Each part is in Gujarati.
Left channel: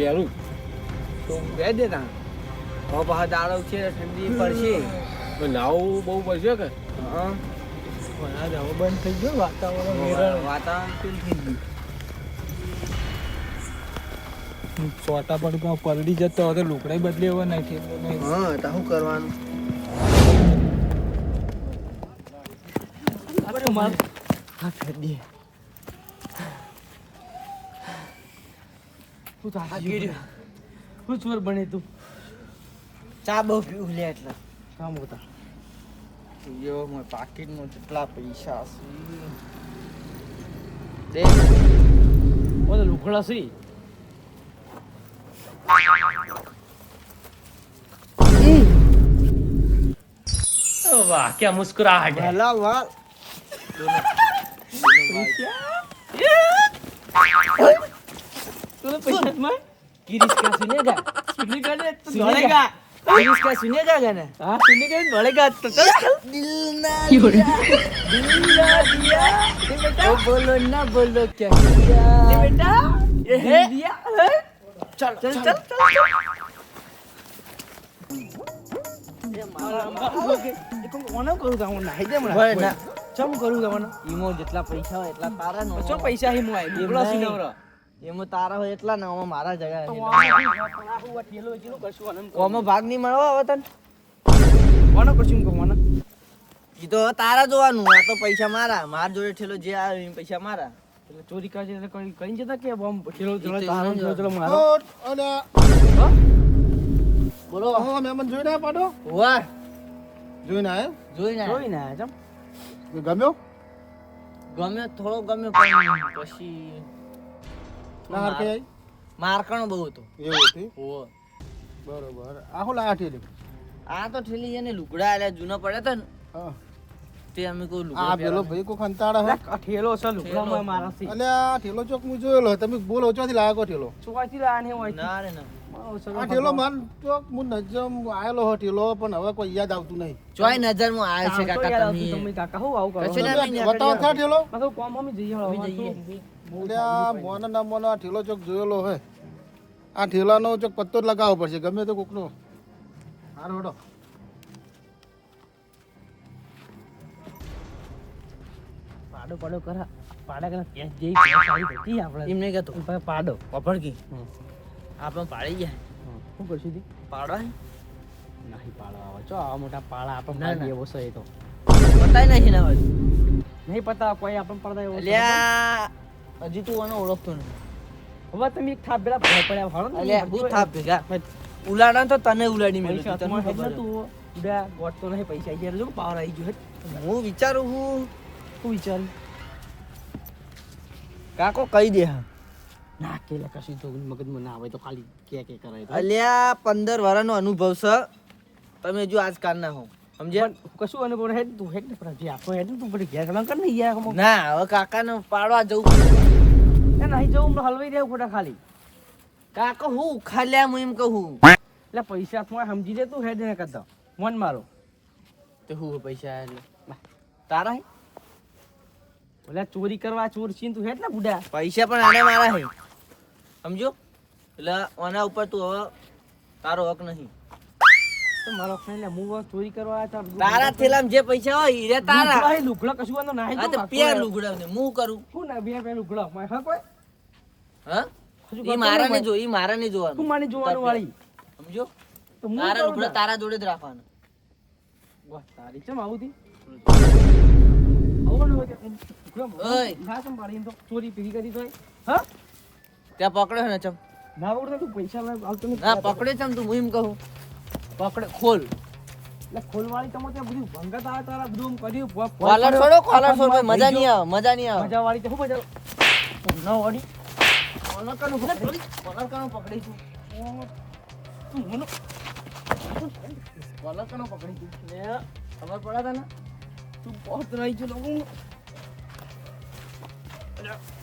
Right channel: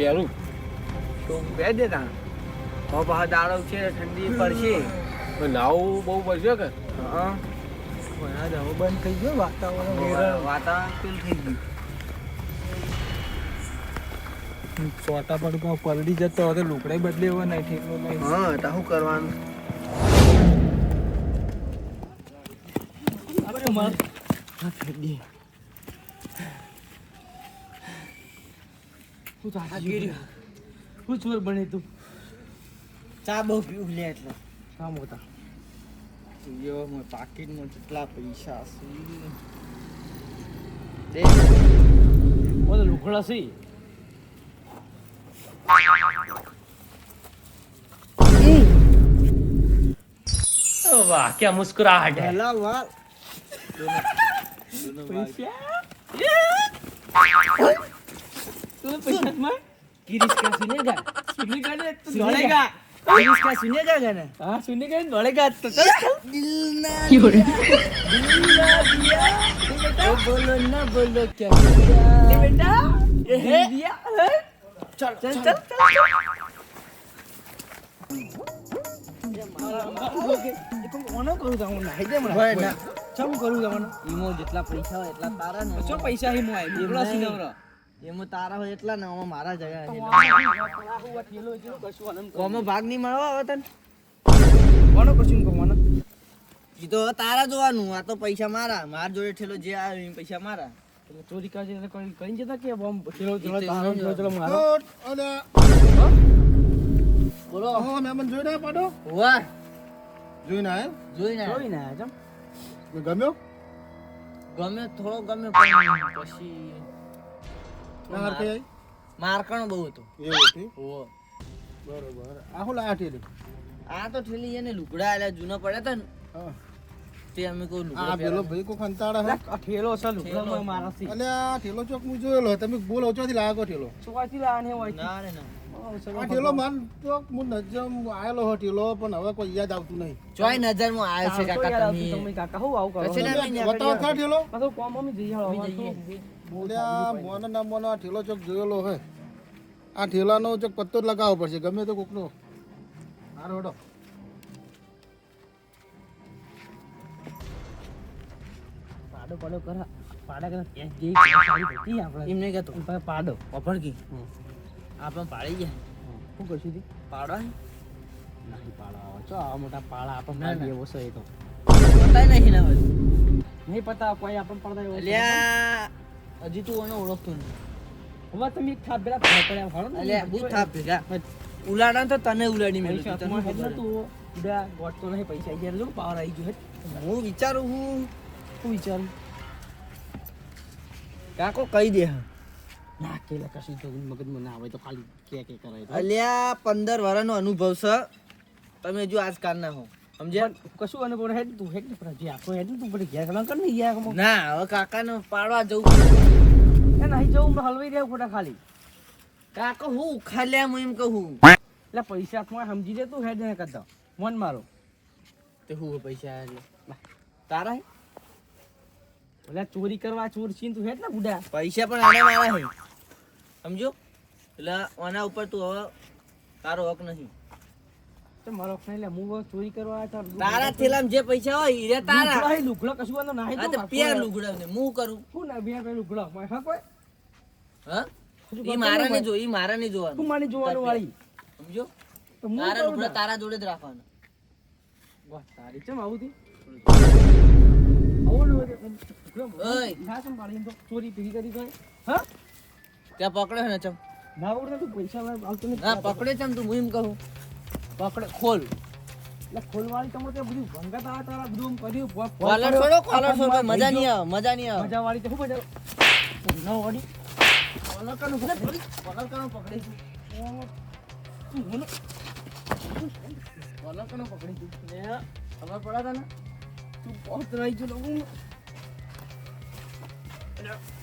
પહેરું. તો બે દે તા હવે દાડો છે ઠંડી પડશે. નાવું બહુ પડશે કે? હા. વરસાદ હવે બંધ થઈ ગયો વાતાવરણ વાતાવરણ ફીલ થઈ ગયું. ચોટા પર કાં પલડી જતો હવે તો લુકડાઈ બદલી એવો નહીં ઠેલો નહીં. હા તો શું કરવાનું? માર. ફેડી હું તો હાકી હું ચોર બને તું? ચા બહુ પીવું લે એટલે. કામ હોતા. યો મેં પાકીટમાં કેટલા પૈસા છે ઓલે લુખડા છે. વાહ ક્યાં મુસ્કુરાહટ હે. લા વાહ. તું પૈસા માં किरिस का सुनेगा કેટલી ગાડી એક તો सुनेगा किरिस का सुनेगा गाना હા સુની ગઈ ભળેગા તો ચલ दिल ना दिल ना दिया ओ बोलो ना बोलो क्या किया બેટા એ હે દિયા હે चल ચલ ચલ ચલ કોને કરું જાઉં નાહી દે મને ભાઈ ના. ચમ કરું જવાનું ઈમો જેટલા પૈસા હોય એટલા તારા નો ચો પૈસા હી મોય બોલા નહીં. એમાં તારા હોય એટલા ને આમાં મારા જગ્યા. હું. ભાગ નહીં મળવા હવે તને? કોનો કશું કમાનો એ તો તારા જોવાનું આ તો પૈસા મારા માર જોડે ઠેલો જે આવે એ પૈસા મારા. એટલે ચોરી કાજે એટલે કઈ કઈ જતા કે બોમ્બ ઠેલો જોડે તારો ઠેલો જોડે મારો? બોલો. મહેમાન જોઈને ના પાડો? વાહ જોઈને ના જોઈ ના જોઈ ના ચમ. ગમ્યો? ગમ્યો થોડો ગમ્યો પછી ના હાર કઈ મારકણ બહુ હતો. એવું હતું? ઓહો. બરોબર. આ હું લાઠી આ તો ઠેલી એને લુગડા આલ્યા જૂનો પડે તો હા. તે અમે કોઈ આ પેલો ભાઈ કો ખંતાડા હો આ ઠેલો છે લુકડા માં મારા થી. એટલે આ ઠેલો ચોક હું જોયેલો તમે બોલો ચોથી લાગો ઠેલો? ચોથી લાને હોય ના રે ના. આ ઠેલો માન ચોક હું નજમ આયેલો હો ઠેલો પણ હવે કોઈ યાદ આવતું નહીં. ચોય નજરમાં આવે છે કાકા તમે. તમે કાકા. હું આવું કરો? બતાવો ઠેલો? કોમ અમે જઈએ. હવે આ મોનો ના મોનો આ ઠેલો ચોક જોયેલો હે આ ઠેલાનો ચોક પત્તો જ લગાવવો પડશે ગમે તો કોકનો. હારો હડો. પાડો પાડો કરા. પાડા કરા કેસ જેવી સારી હતી આપણે. એમ કહેતો. પાડો. પફડકી હમ. આપણે પાડી જાય શું કરશું તી પાડવા નહીં પાડો આવે. ચો આવા મોટા પાડા આપણે પાડી એવો છે એ તો. બતાય નહીં ના હોય નહીં પતા કોઈ આપણે પડતા એવો છે. હજી તું એને ઓળખતો નહીં હવે તમે એક થાપ પેલા ભય પડ્યા ને અલ્યા બહુ થાપ ભેગા ઉલાડા તો તને ઉલાડી મેં તમે હેડ નતું ઉડા ગોટ તો નહીં પૈસા આવી ગયા જો પાવર આવી ગયો હું વિચારું હું હું વિચારું. કાકો કહી દે હા. ના કેલા કશું જો મગજમાં ના આવે તો ખાલી કે કે કરાય તો. અલ્યા પંદર વર્ષનો અનુભવ છે. તમે જો આજકાલના હો સમજ્યા? પણ કશું અનુભવ હેડ તું હેડ ને પણ હજી આખો હેડ તું પછી ઘેર કર ના હવે કાકાને પાડવા જવું. એ નહીં જવું હલવાઈ રહ્યા ખોટા ખાલી. કાકા હું ઉખાડ્યા હું એમ કહું. એટલે પૈસા હાથમાં સમજી દે તું હેડ ને કરતા મન મારો. તે હું પૈસા તારા હે? ઓલા ચોરી કરવા ચોર છીન તું હેડ ને બુડા. પૈસા પણ આને મારા હે. સમજો એટલે આના ઉપર તું હવે તારો હક નહીં. તો મારો ફ્રેન્ડ હું ચોરી કરવા આવ્યા તારા થેલામાં જે પૈસા હોય ઈ તારા. તારા લુગડા કશું વાંધો ના આ તો પેર લુગડા ને હું કરું? શું ના બે બે લુગડા મારે હા કોઈ? હા? ઈ મારા ને જો ઈ મારા ને તું જોવાનું જોવાનું વાળી. સમજો? તો હું તારા કરું લુગડા ને. તારા જોડે જ રાખવાના. વાહ, તારી ચમ આવું થી આવું ને હોય તો લુગડા ઓય. ના ચમ પાડી એમ તો ચોરી પીરી કરી તો હા? ત્યાં પકડ્યો ને ચમ? ના વગર તું પૈસા પકડે ચમ તું હું એમ કહું. પકડે ખોલ. એટલે ખોલવાળી તમે ત્યાં બધું ભંગત આવે તારા બધું કર્યું. કોલર. છોડો કોલર છોડો માર મજા નહીં આવે મજા નહીં આવે. મજા વાળી તો શું મજા ન વાળી. કોલર કાનું પકડી કોલર કાનું પકડી તું તું મને કોલર કાનું પકડી તું લે ખબર પડે તને? તું બહુ રહી ગયો હું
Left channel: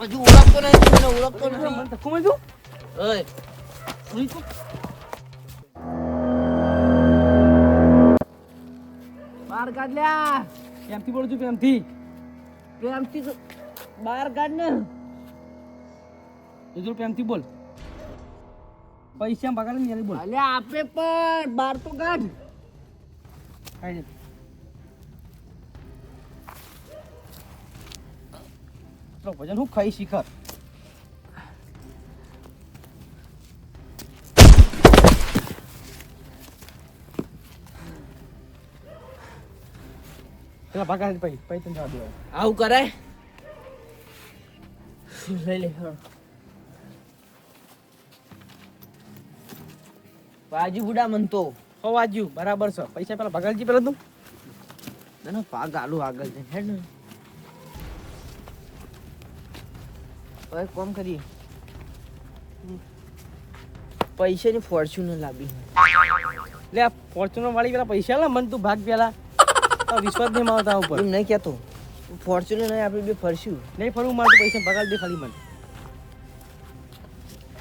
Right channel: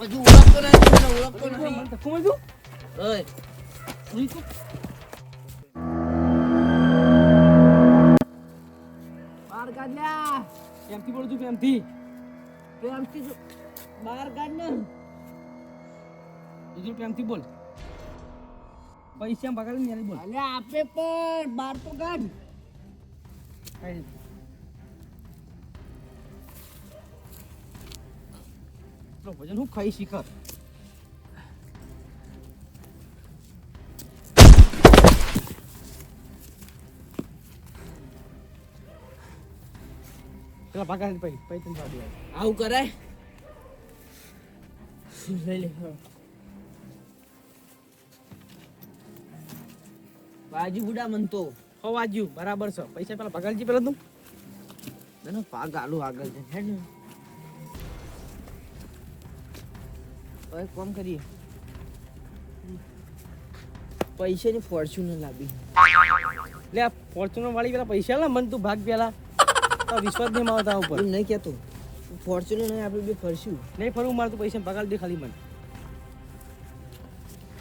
હજુ ઓળખતો નહીં તું મને ઓળખતો મને નહીં ધક્કો માર્યો ઓય બહાર કાઢ લ્યા પ્રેમથી બોલું છું પ્રેમથી. પ્રેમથી બહાર કાઢ ને જોજો પ્રેમથી બોલ. પૈસા પગાર ને બોલ. અલે આપે પણ બહાર તો કાઢ કાઢ. ભજન હું ખાઈ શીખર. પેલા ભાગા પૈ પૈ તને જવા દેવા. આવું કરાય? લઈ લે બાજુ બુડા મન તો. હો વાજ્યું બરાબર છે. પૈસા પેલા ભગાલજી પેલા તું. ના પાગ આલુ આગળ જઈને હેડ ને? હવે કોમ કરીએ. પૈસાની ફોર્ચ્યુનર લાવી. લે ફોર્ચ્યુનર વાળી પેલા પૈસા લા મન તું ભાગ પેલા. વિશ્વાસ નહીં માવતા ઉપર. એમ નહીં કહેતો. ફોર્ચ્યુનર નહીં આપણે બે ફરશું. નહીં ફરવું મારે પૈસા પગાર દે ખાલી મને.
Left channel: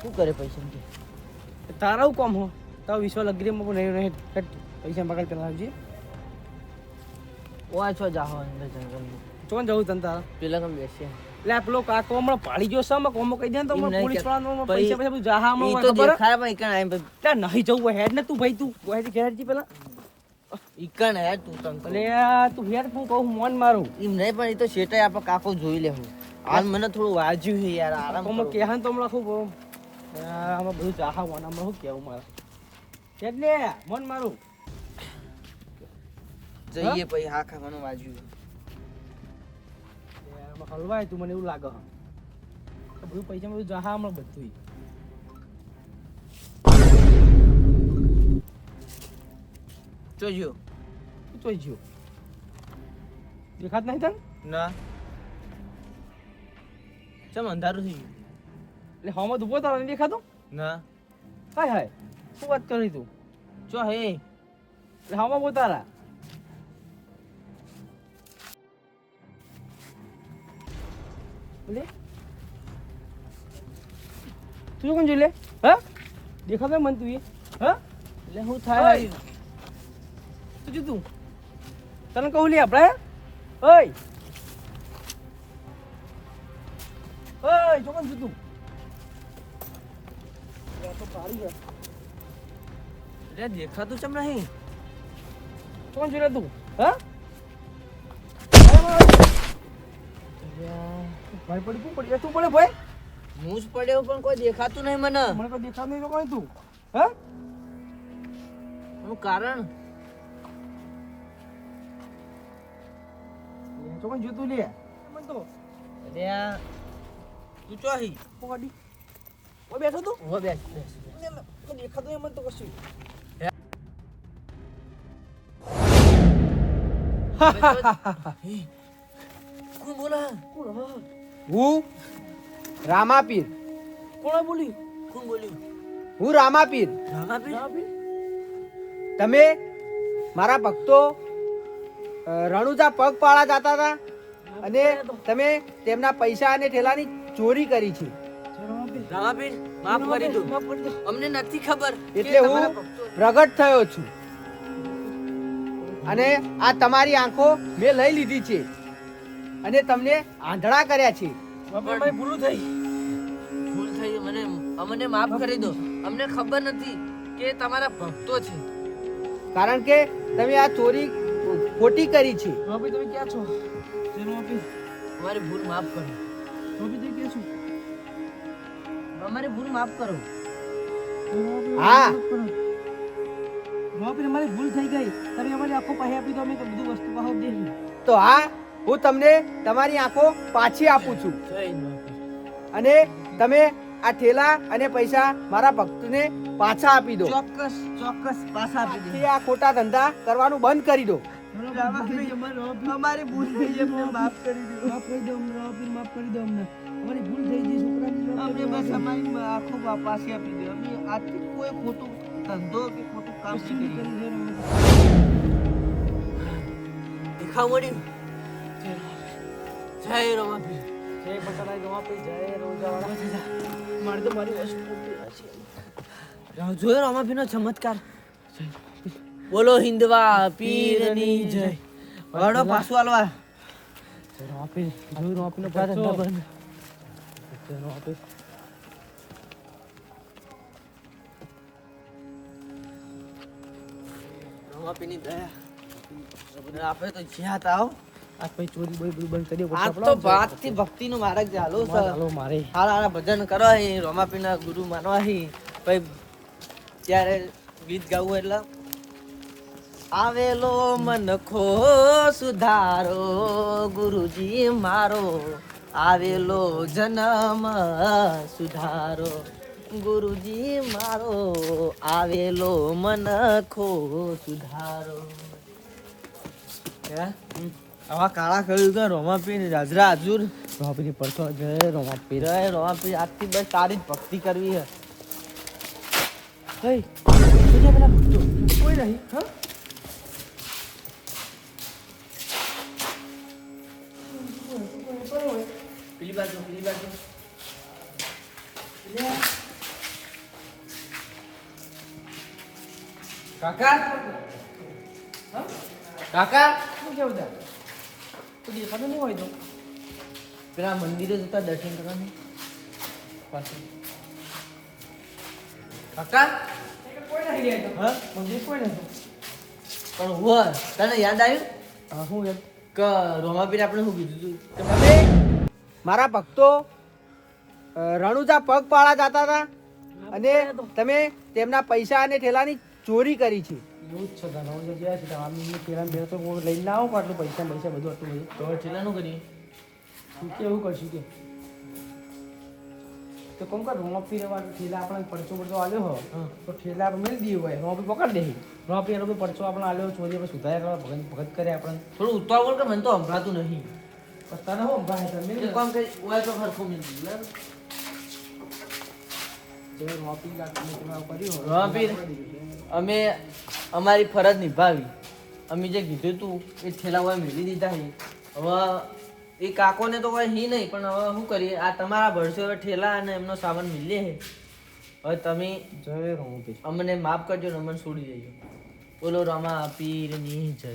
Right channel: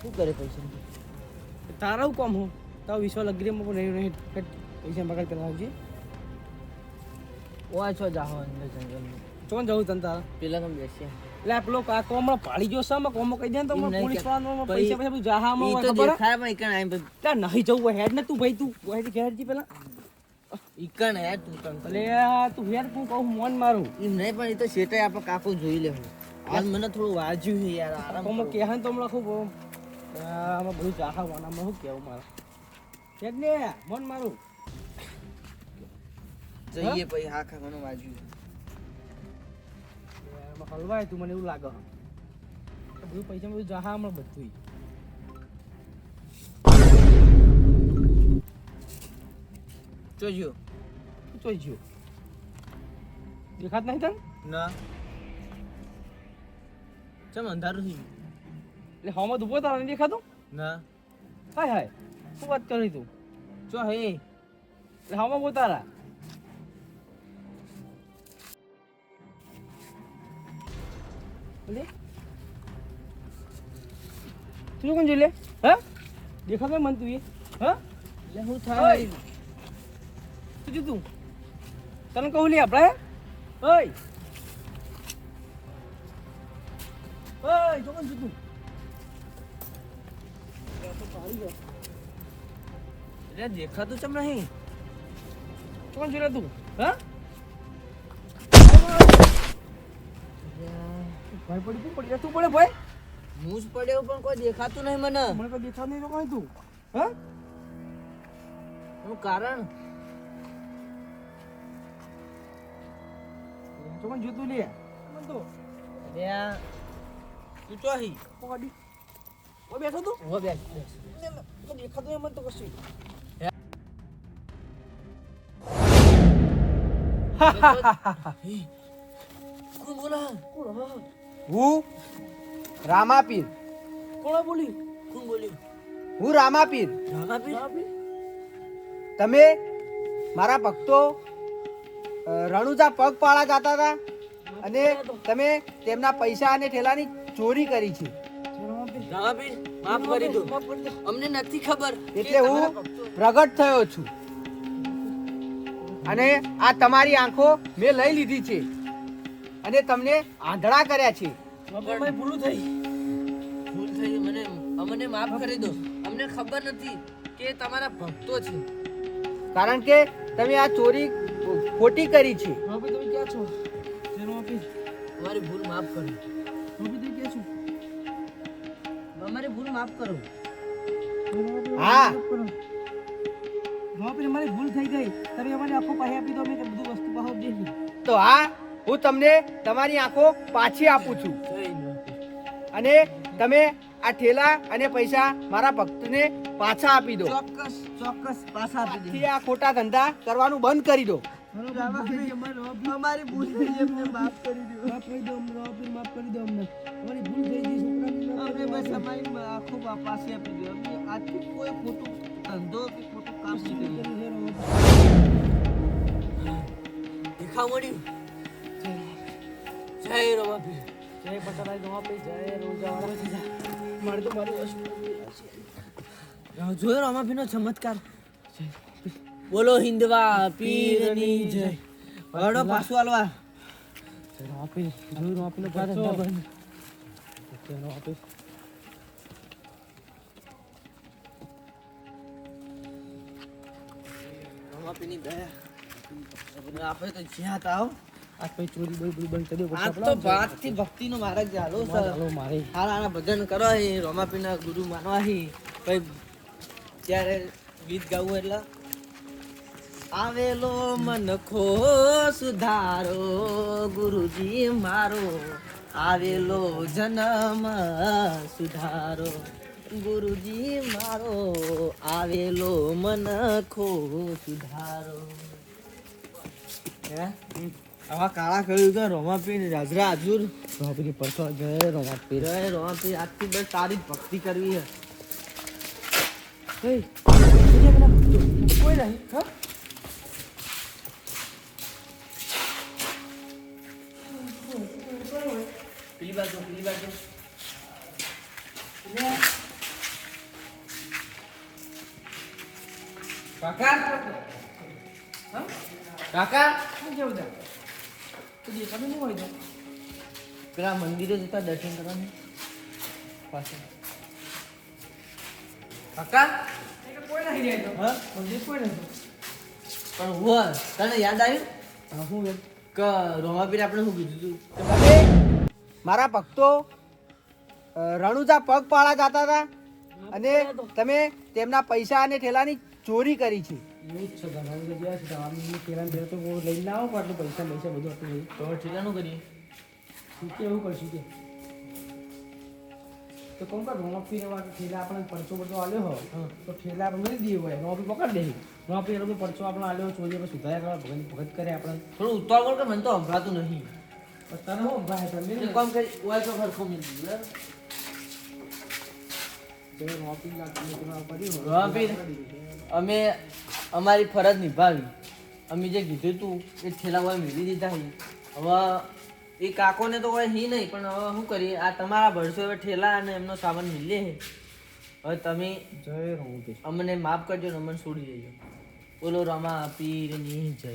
શું કરે પૈસા તારા હું કોમ હો? તારો વિશ્વાસ અગ્રીમાં પણ નહીં. નહીં પૈસા પગાર પેલા આવજે. ઓ છો જાહો અંદર જંગલમાં. ચોન જવું તને તારા. પેલા કમ બેસી લે આ પેલો આ કોમળો પાડી ગયો સમ કોમો કહી દે તો પોલીસ વાળાનો પૈસા પૈસા ઈ તો ખબર હે? દેખાય પણ બધું- નહીં જવું હેડ ને તું ભાઈ તું હેડ ઘેર જી પેલા. ઈકણ હે તું તન તો. અલે તું યાર તું કહું મોન મારું. એમ નહીં પણ એ તો શેટાય આપણે કાકો જોઈ લેવું હાલ મને થોડું વાજ્યું છે યાર આરામ કોમ કરો. કે હા તો હમણાં ખૂબ આમાં બધું જાહા વાના હમણાં શું કેવું મારે? ને મોન મારું. જઈએ પછી હા ખાવાનું વાજ્યું. લે, હલવાય તું મને એવું લાગે બધું પૈસા બધું જાહા હમણાં બધું તું ચોઈ ગયો દેખાત નહીં તને? ના. ચમ અંધારું થઈ ગયું. એટલે હવામાં ઊભો તારા નહીં દેખાતું? ના. હાય હાય શું વાત કરી તું? ચો હે. એટલે હવામાં ઊભો તારા. લે. તું કોણ જોઈ લે? હા? દેખાતો મન તું એ. હા? એટલે હું થાય. ઓય. તું? જો તું તને કહું લે આપણે? ઓય! ઓય જો કોણ છું તું? લે, તો પાડી ગયા. એટલે દેખાતું ચમ નહીં? કોણ છે રે તું? હા? ભાઈ પડી તું પડી તું પડે ભાઈ? હું જ પડ્યો પણ કોઈ દેખાતું નહીં મને. મને કોઈ દેખાતું નહીં તો કોણ તું હા? એનું કારણ? કોણ જોતું લે. મન તો. આ તું ચો હી? પોડી ઓ બેઠો તું? હો બેસ બેસ લે, લે, કોઈ દેખાતું મન તો કશું. કોણ બોલા? કોણ હા હું. રામાપીર. કોણે બોલી? કોણ બોલ્યું હું રામાપીર? રામાપીર? તમે? મારા ભક્તો? અ, પગ પાળા જતા હતા અને તમે તેમના પૈસા અને ઠેલાની ચોરી કરી છે. માફ કરી દો. અમને નથી ખબર એટલે હું પ્રગટ થયો છું. અને આ તમારી આંખો મેં લઈ લીધી છે. અને તમને આંધળા કર્યા છે. ભાઈ ભૂલું થઈ. ભૂલ થઈ મને અમને માફ કરી દો. અમને ખબર નથી કે તમારા ભક્તો છે. કારણ કે તમે આ ચોરી ખોટી કરી છે. ભાભી તમે ક્યાં છો? જેનો આપી અમારી ભૂલ માફ કરો. ભાભી તમે ક્યાં છો? અમારી ભૂલ માફ કરો. હા. ભાભી અમારી ભૂલ થઈ ગઈ. તમે અમારી આખો પાસે આપી દો અમે બધું વસ્તુ પાછો દે તો હા હું તમને તમારી આંખો પાછી આપું છું. અને તમે આ ઠેલા અને પૈસા મારા ભક્તને પાછા આપી દો. ચોક્કસ ચોક્કસ પાછા આપી દો. આ ખોટા ધંધા કરવાનું બંધ કરી દો. અમારી ભૂલ થઈ છે માફ કરી દો. માફ કરી દો અમને ભાભી માફ કરી દો અમને. અમારી ભૂલ થઈ ગઈ છોકરાની અમને બસ અમારી આખો આપી દો. અમે આજથી કોઈ ખોટું ધંધો કે ખોટું કામ નહીં કરીએ દેખાવ મળ્યું જય રમાપીર જય પટાલા ગવા જય રોજાવાળા. મારે તો મારી વસ્તુ જોયો. રમાપીર નો ચમત્કાર. બોલો હિન્દવા પીરની જય. વડો પાછું હાલવા. રોપી જોઈ રોપીનો પાછો. બંધ રોપી પછી ચોરી બોરી બધું બંધ કરી થી ભક્તિ નો માર્ગ ચાલો મારે. ભજન કરો રોમાપીના ગુરુ માનવા અહીં. ત્યારે ગીત ગાવું એટલે. આવેલો મનખો સુધારો ગુરુજી મારો. આવેલો જન્મ સુધારો, ગુરુજી મારો. આવેલો મનખો સુધારો આવા કાળા કહ્યું કે પીને રાજરા હજુર. રોમાપીની પરસો ગયે પીરાય રોમા પી આજથી બસ તારી ભક્તિ કરવી હે. ભક્તો. કોઈ નહીં હા? પેલી બાજુ પેલી બાજુ કાકા કાકા શું કેવું છે તો દેખાતું નહીં હોય તો પેલા મંદિરે જતા દર્શન કરવાની કાકા હા મંદિર કોઈ નથી પણ હું તને યાદ આવ્યું હા રોમા કે રોમાપીરે આપણે શું કીધું હતું મારા ભક્તો રણુજા રણુજા પગપાળા જતા હતા અને તમે તેમના પૈસા અને ઠેલાની ચોરી કરી છે. એવું જ છે જગ્યા છે બે તો લઈને ના આવું આટલું પૈસા પૈસા બધું આટલું બધું તો ઠેલાનું કરીએ? શું કે એવું કરશું કે? તો કોમ કર રહેવા ઠેલા આપણને પરચો બધો આલ્યો હો. તો ઠેલા આપણે મેળવી દઈએ હોય રોપી પકડ દે. રોપી લોકો પરચો આપણે આલ્યો ચોરી આપણે કરવા ભગત ભગત કરે આપણે થોડું ઉતાવળ કે મને તો સંભળાતું નહીં. તને હો ભાઈ તમે એક કામ કરી ઓય તો હોય, રોમાપી? પકડી દીધું. અમે અમારી ફરજ નિભાવી. અમે જે કીધું તું એ ઠેલા હોય મેળવી દીધા છે. હવે એ કાકોને તો કોઈ હી નહીં પણ હવે શું કરીએ? આ તમારા ભરસો હવે ઠેલા અને એમનો સામાન મિલે છે. હવે તમે અમને માફ કરજો ને અમને છોડી દેજો. બોલો રમા પીરની જય.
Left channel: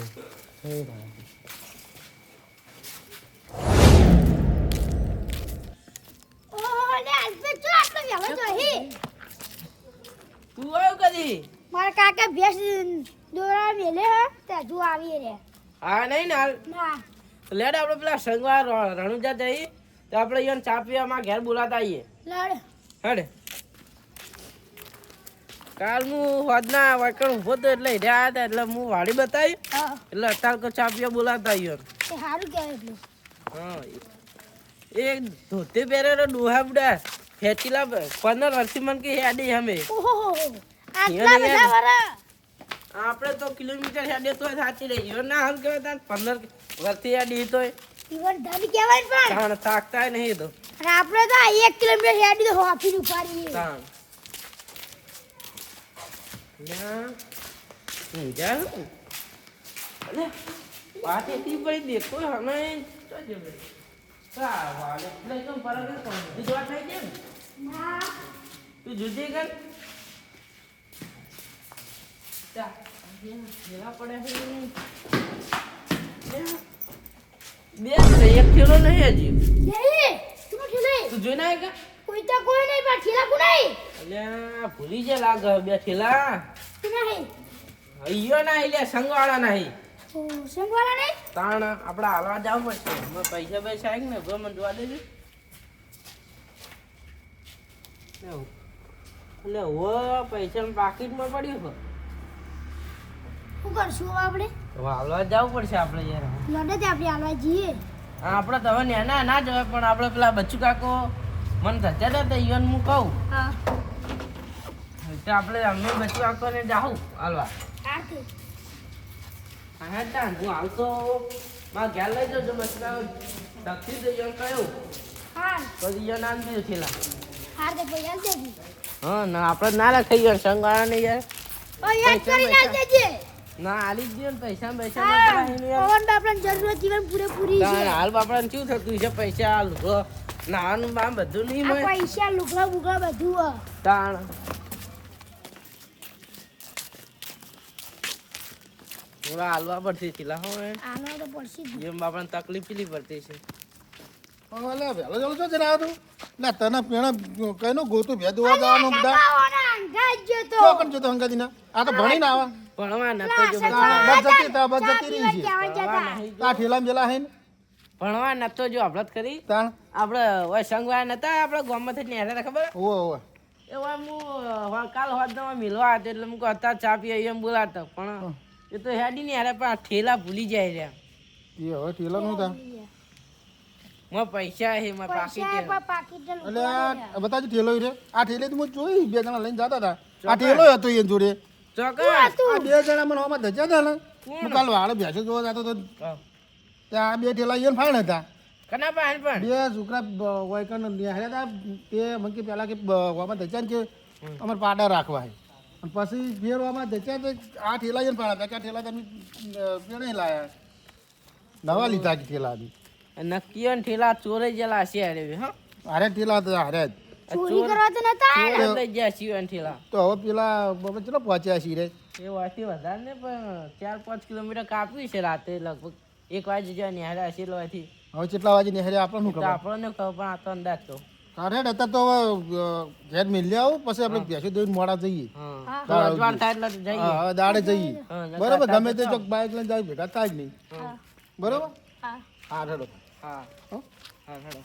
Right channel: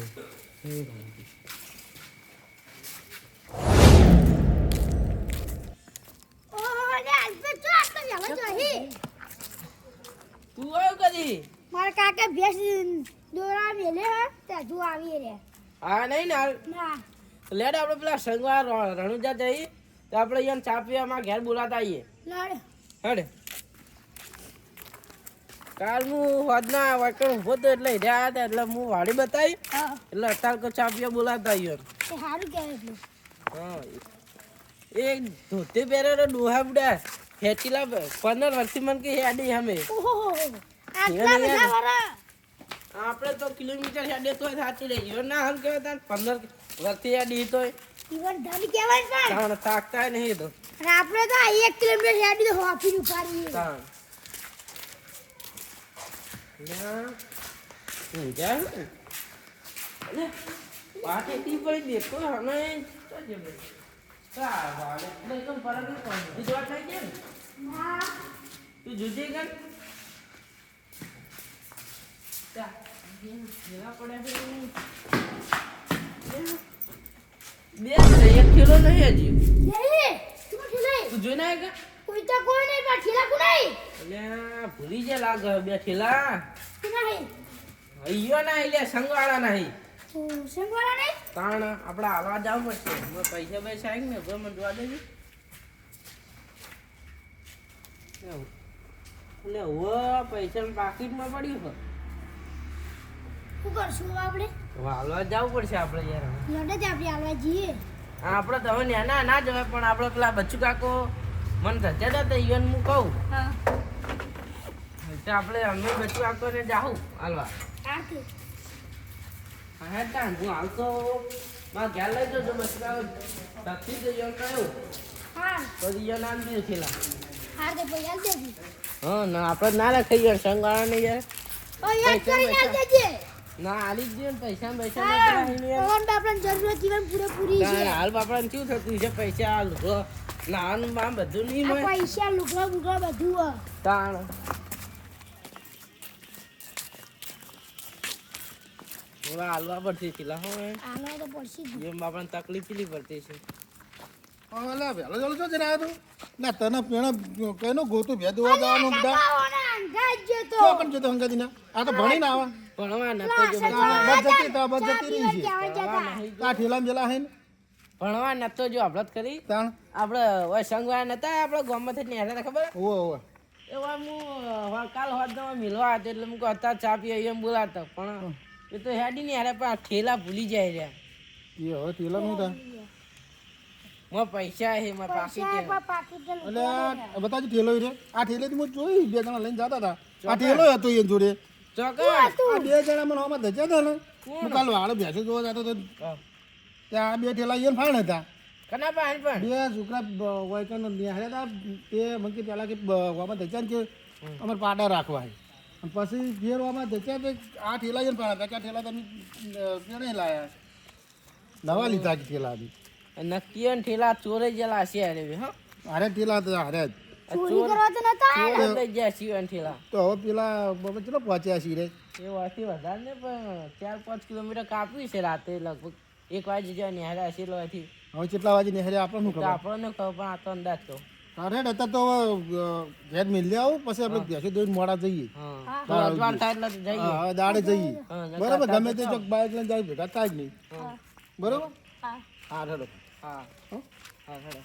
રોમાપી તું આવ્યો કદી? મારા કાકા ભેંસ દોરા મેલે હે તે જો આવી રે. હા નહીં ને ના. લેડ આપણે પેલા સંગવા રણુજા જઈ તો આપણે અહીંયા ચા પીવામાં ઘેર બોલાતા આવીએ. લડ. હડ. કાલ હું હોદના વાકણ ઊભો તો એટલે રહ્યા હતા એટલે હું વાડી બતાવી એટલે અત્યારે તો ચા પીવા બોલાતા આવીએ. સારું કહેવાય હા એ ધોતી પહેરેલો ડોહા બુડા. ખેંચીલા પંદર વર્ષથી મન કે હેડી અમે. આપણે તો કિલોમીટર હેડે તો સાચી રહી. ગયો ના હમ કહેવાય તાર પંદર વર્ષથી હેડી તો ઈવન ધન કહેવાય પણ. તાણ થાકતા નહીં તો. આપણે તો એક કિલોમીટર હેડી તો હોફી ઉપાડીએ તાણ. ના હું જાઉં? અલે, એટલી પડી દેખો હમે તો તું જુદી કર બે એક થેલો નહીં હજી. તું ઠીલે? તું જોઈને કોઈ તો કોઈ નહીં પણ ઠીલા અલ્યા ભૂલી જે લાગે બે થેલા તું નહીં ના એટલે સંગવાળા નહીં તાણ આપણે હાલવા જવું પડશે. પૈસા પૈસા આવી ને મને જોવા દેજો. એટલે હો પૈસા પાકીટમાં પડ્યું છે. શું કરશું આપણે? હાલવા જવું પડશે આપણે યાર. લડે જ આપણે હાલવા જઈએ. આપણે તો હવે નેના ના જવાય પણ આપણે પેલા બચ્ચુ કાકો મને થતા હતા તે ઈવન હું કહું. હા. આપણે અમે બચ્ચુ કાકોને જાઉં હાલવા. આથી હા તો ઘેર લઈ જજો બચ્ચુ તકતી જઈએ કહ્યું હા. તો ઈવન આમ દીધું થેલા હાર તે પૈસા દેજી હા ના આપણે ના લખાઈ ગયા સંગવાળા ને યાર ઓ યાદ કરીને આલ દેજે ના આલી જ ને પૈસા પૈસા ના કરાય ને યાર. પવન બાપરાને જીવન પૂરેપૂરી છે. હાલ બાપડાને શું થતું છે પૈસા હાલ હો. નાવાનું બામ બધું નહીં પૈસા લુગડા બુગડા બધું. તાણ. થોડા હાલવા પડશે થેલા હો એ. આનો તો પડશે. જેમ બાપાને તકલીફ પેલી પડતી છે. પણ અલ્યા વહેલો જલો છો જરા તું ના તને પેણા કઈનો ગોતું ભેદ દોવા જવાનું બધા? કાકાઓના અંગાજ તો. શું કન જતો હંગાતી ના આ તો ભણીને આવા. ભણવા ન તો જો બસ જોવા જતી તા બસ જતી રહી છે. તા ઠેલા મેલા હે ને? ભણવા તો જો આપણે કરી તાણ આપણે ઓય સંગવા નતા આપણે ગામમાં થી નેહરા ખબર? ઓ ઓ એવા હું કાલ હોદમાં મિલવા હતો એટલે હું હતા ચા પી એમ બોલાતો પણ એ તો હેડી ને યાર પણ આ ઠેલા ભૂલી જાય રહ્યા એ હવે ઠેલા નું તા માં પૈસા હે માં પાકીટ ને એટલે આ બતાજી ઠેલો રે આ ઠેલે તો હું જોઈ બે જણા લઈને જતા હતા. આ ઠેલો હતો એ જોડે. ચોકર આ બે જણા મને હોમાં ધજ્યા હતા ને. હું કાલ વાળ ભેંસો જોવા જતો તો ત્યાં આ બે ઠેલા ઈયન ફાણ હતા. કના પાણ પણ બે છોકરા વાયકન નિહાળ્યા હતા. તે મને કે પહેલા કે હોમાં ધજ્યા ને કે અમારે પાડા રાખવા હે પછી ઘેરવામાં ધજ્યા તો આ ઠેલા ઈયન પાડ્યા હતા કે આ ઠેલા તમે પેણે લાયા. નવા લીધા કે ઠેલા બી. નક્કી ને ઠેલા ચોરે જેલા છે અરે હા. હારે ઠેલા હારે જ. ચોરી કરવા તો નતા ગયા ઠેલા. તો હવે પેલા બાબા ચલો પહોંચ્યા છીએ રે? એ વાથી વધારે ને પણ ચાર પાંચ કિલોમીટર કાપ્યું છે રાતે લગભગ. એક વાગે જ્યાં નેહરા હશે એટલે હવે કેટલા વાગે નિહાળે આપણને ખબર? આપણને ખબર પણ આ તો અંદાજ તો. અરે હતા તો ઘેર મિલી આવું પછી આપણે ભેંસો દોઈને મોડા જઈએ. હા. તો અજવાળ થાય એટલે જઈએ. હા હવે દાડે જઈએ. બરોબર ગમે તે તો ચોક બાઇક લઈને જાય ભેગા થાય જ નહીં? બરોબર? હા. હા હેડો હા. હા. હેડો